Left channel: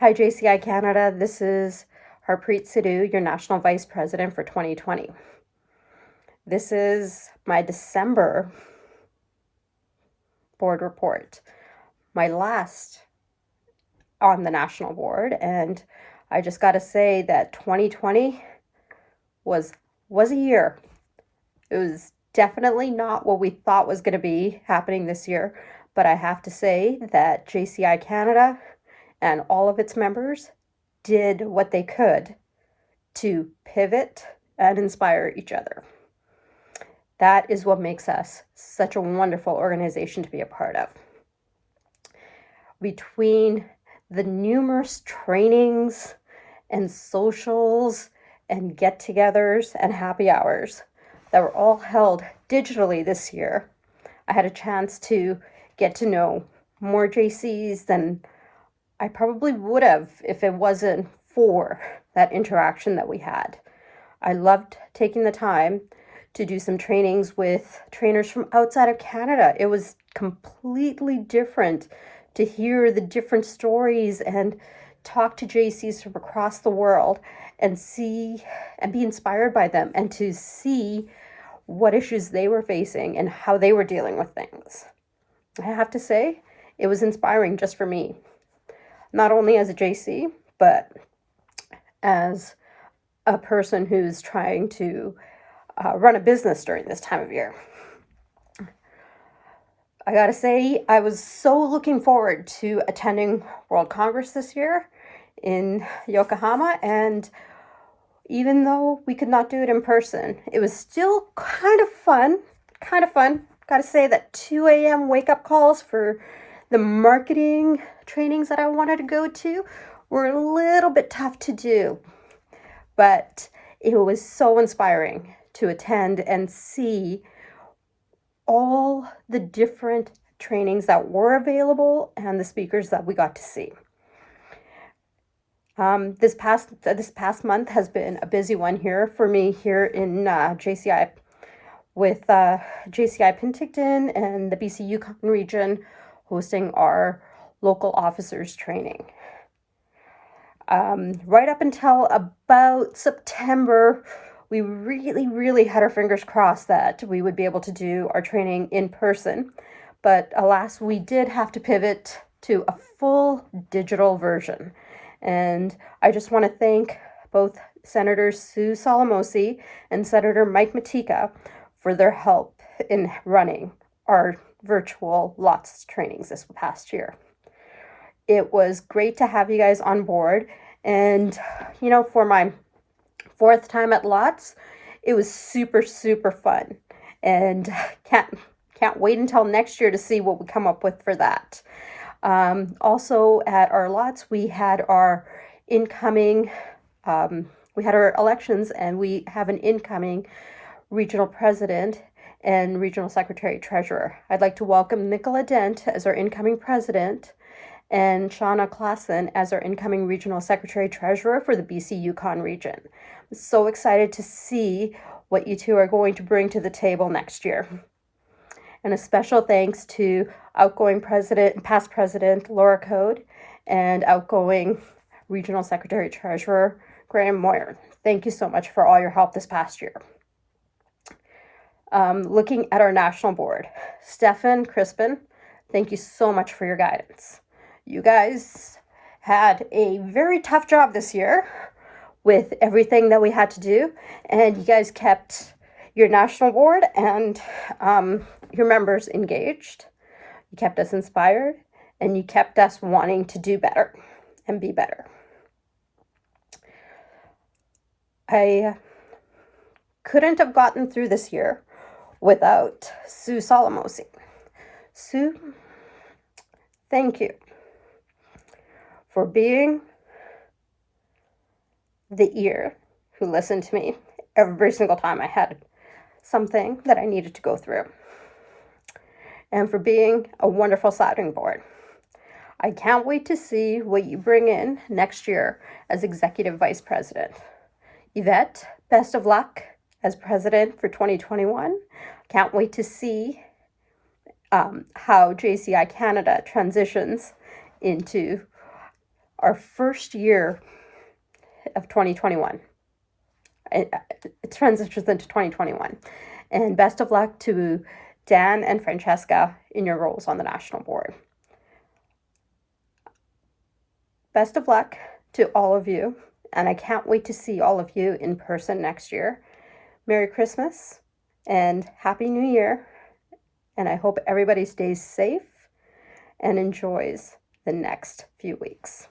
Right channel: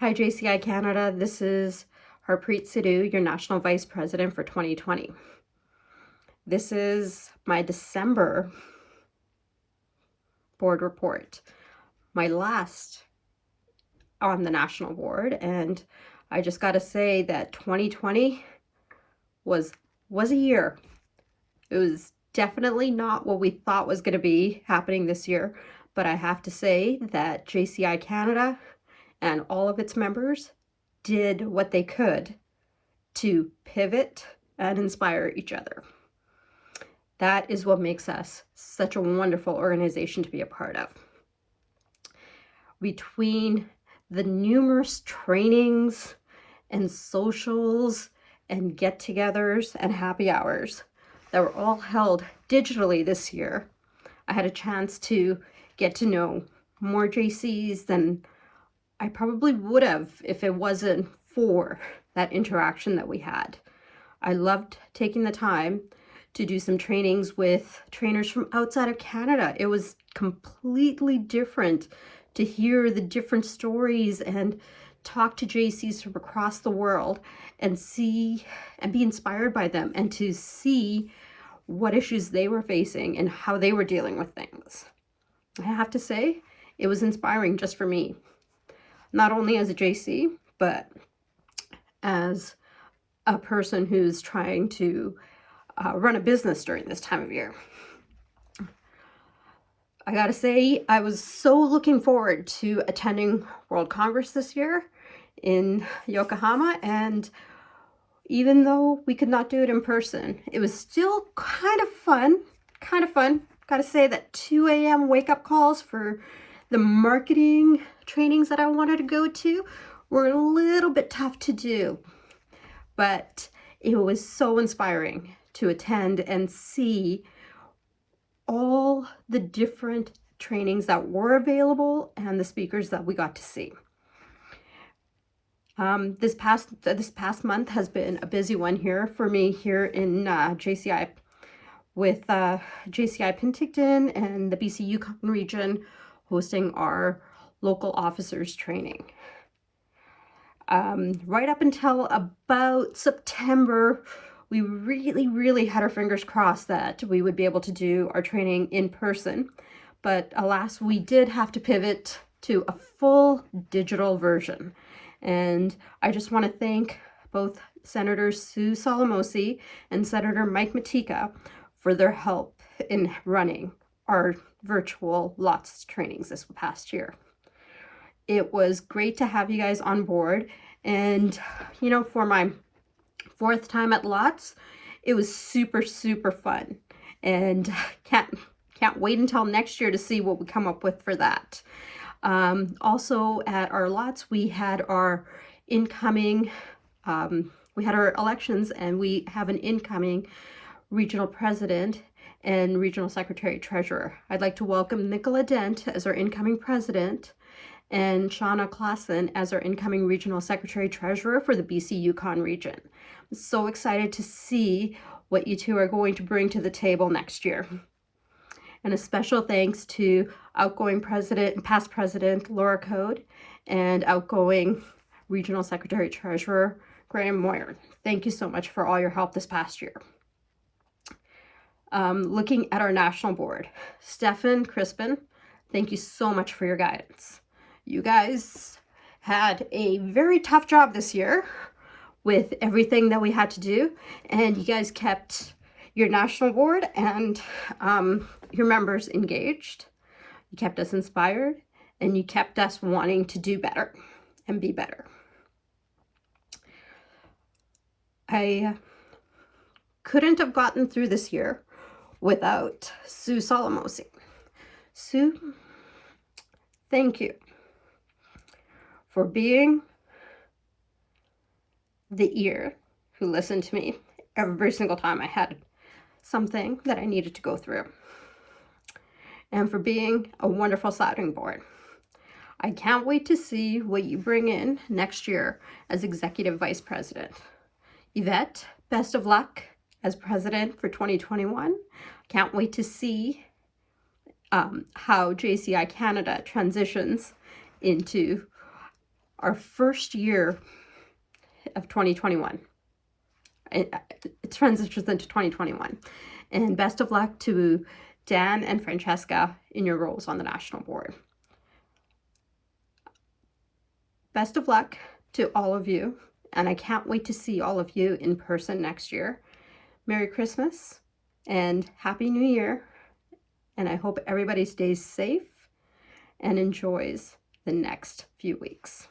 Hi, JCCI Canada. This is Harpreet Sidhu, your National Vice President for 2020. This is my December board report, my last on the national board, and I just got to say that 2020 was a year. It was definitely not what we thought was going to be happening this year, but I have to say that JCCI Canada and all of its members did what they could to pivot and inspire each other. That is what makes us such a wonderful organization to be a part of. Between the numerous trainings and socials and get-togethers and happy hours that were all held digitally this year, I had a chance to get to know more JCs than I probably would have if it wasn't for that interaction that we had. I loved taking the time to do some trainings with trainers from outside of Canada. It was completely different to hear the different stories and talk to JCs from across the world and see and be inspired by them and to see what issues they were facing and how they were dealing with things. I have to say, it was inspiring just for me. Not only as a JC, but as a person who's trying to run a business during this time of year. I gotta say, I was so looking forward to attending World Congress this year in Yokohama, and even though we could not do it in person, it was still kind of fun. Gotta say that 2 a.m. wake-up calls for the marketing trainings that I wanted to go to were a little bit tough to do, but it was so inspiring to attend and see all the different trainings that were available and the speakers that we got to see. This past month has been a busy one here for me here in JCI with JCI Penticton and the BC Yukon region hosting our local officers training. Right up until about September, we really had our fingers crossed that we would be able to do our training in person. But alas, we did have to pivot to a full digital version. And I just want to thank both Senator Sue Salamosi and Senator Mike Matika for their help in running our virtual LOTS trainings this past year. It was great to have you guys on board, and for my 4th time at LOTS, it was super fun, and can't wait until next year to see what we come up with for that. Also at our LOTS, we had our incoming, we had our elections, and we have an incoming regional president and regional secretary treasurer. I'd like to welcome Nicola Dent as our incoming president and Shauna Klassen as our incoming regional secretary treasurer for the BC Yukon region. I'm so excited to see what you two are going to bring to the table next year. And a special thanks to outgoing past president Laura Code and outgoing regional secretary treasurer Graham Moyer. Thank you so much for all your help this past year. Looking at our national board, Stefan Crispin, thank you so much for your guidance. You guys had a very tough job this year with everything that we had to do, and you guys kept your national board and your members engaged. You kept us inspired, and you kept us wanting to do better and be better. I couldn't have gotten through this year without Sue Salamosi. Sue, thank you for being the ear who listened to me every single time I had something that I needed to go through, and for being a wonderful sounding board. I can't wait to see what you bring in next year as executive vice president. Yvette, best of luck as president for 2021. Can't wait to see how JCCI Canada transitions into our first year of 2021. It transitions into 2021. And best of luck to Dan and Francesca in your roles on the national board. Best of luck to all of you, and I can't wait to see all of you in person next year. Merry Christmas and Happy New Year, and I hope everybody stays safe and enjoys the next few weeks.